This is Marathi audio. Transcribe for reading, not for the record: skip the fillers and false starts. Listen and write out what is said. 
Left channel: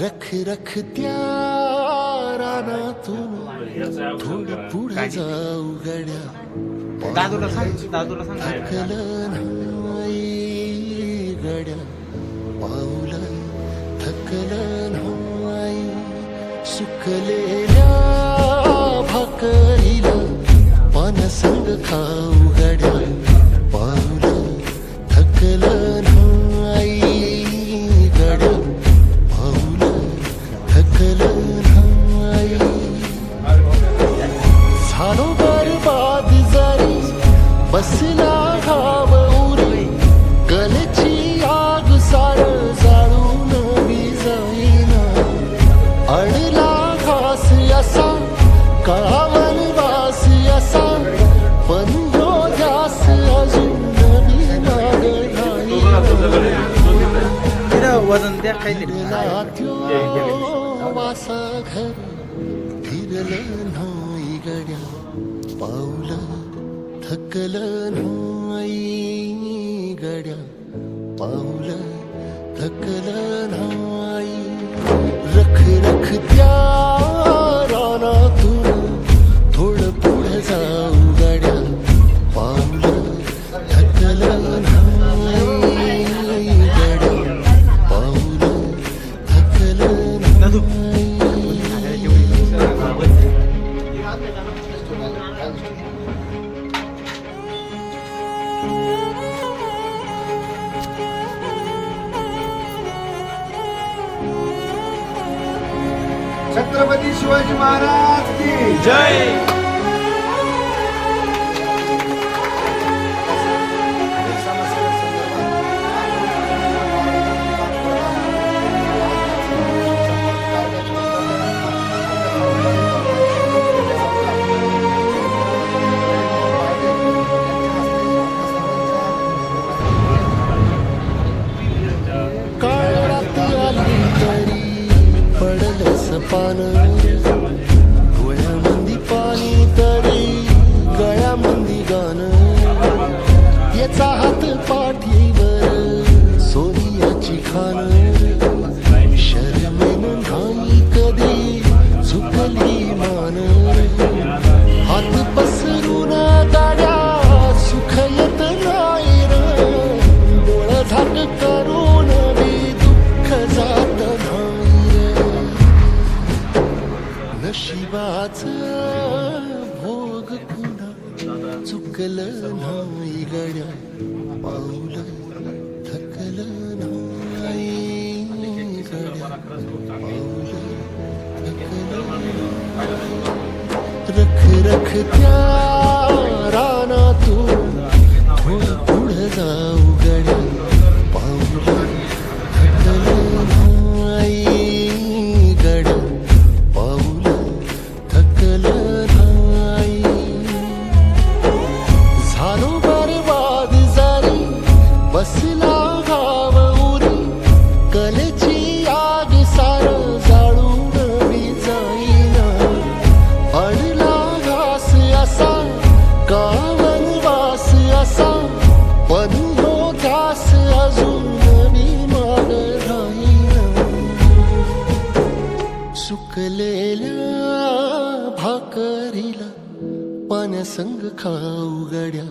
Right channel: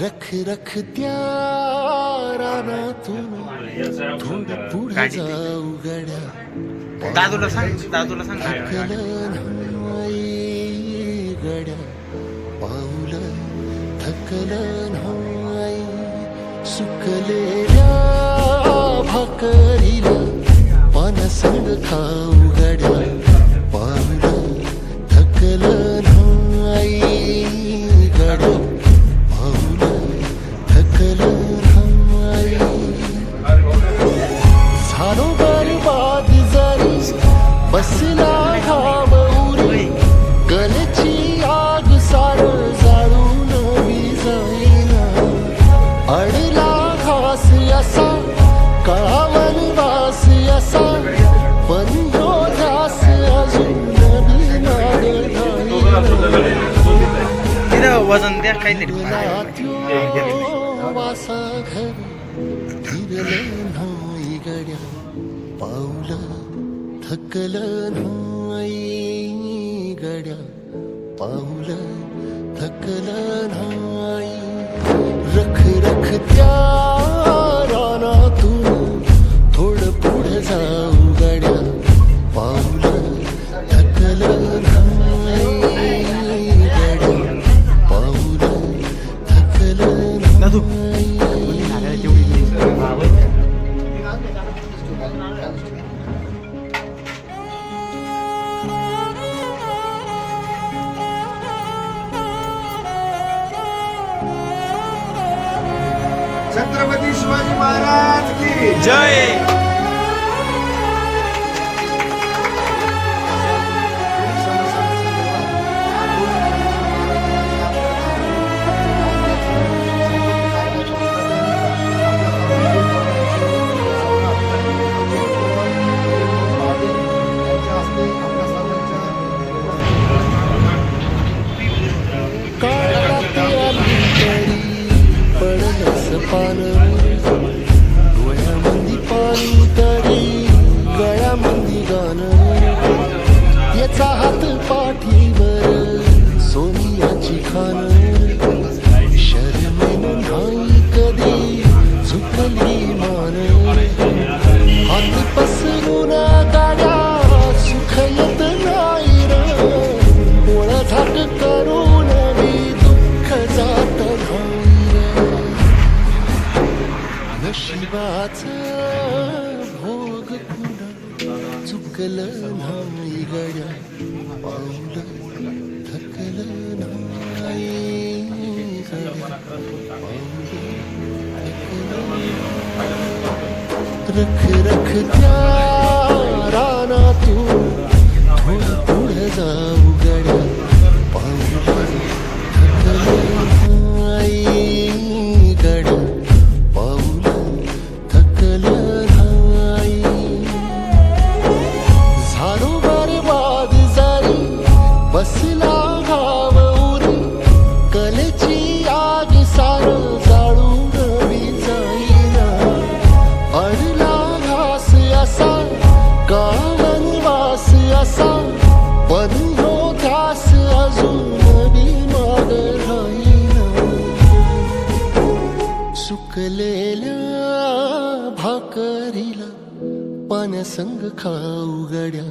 रख रख त्या रानातून थोडं पुढे जाऊ गड्या दादूला सांग थकलं नाही गड्या पाऊल थकलं नाही सुकलेल्या भाकरीला पानसंग खाऊ गड्या पाऊल थकलं नाही गड्या पाऊल थकलं नाही झालो बरबाद जरी बसला घाव उरी गलची आग सार जाळून विजाईना अडला घास असा काळावन वास असा पण ह्यो ध्यास अजून बी माग वजन द्या काहीतरी वासा घर फिरलं नाही गड्या पाऊल थकलं नाही गड्या पाऊल थकलं नाही रख रख त्या रानातून थोडं पुढे जाऊ गड्या पाऊल थकलं नाही गड्या पाऊल थकलं नाही छत्रपती शिवाजी महाराज की जय. काळात आली तरी पडलंस पान डोळ्यामंदी पाणी तरी गळ्यामंदी गाणं याचा हात पाठीवर सोनियाची खान शर्मेन नाही कधी झुकली मान हात पसरून गाड्या सुख येत नाही र डोळ झाक करून बी दुःख जात नाही रे नशिबाच भोग पुन्हा चुकलं नाही गड्या पाऊल थकलं नाही गड्या पाऊल थकलं नाही. रख रख त्या रानातून थोडं पुढे जाऊ गड्या पाऊल थकलं नाही गड्या पाऊल थकलं नाही झालो बरबाद जरी बसला घाव उरी कलेची आग सार जाळून विजाईना अडला घास असा कावन वास असा पण ह्यो ध्यास अजून बी माग राहीना सुकलेल्या भाकरीला पाण्यासंग खाऊ गड्या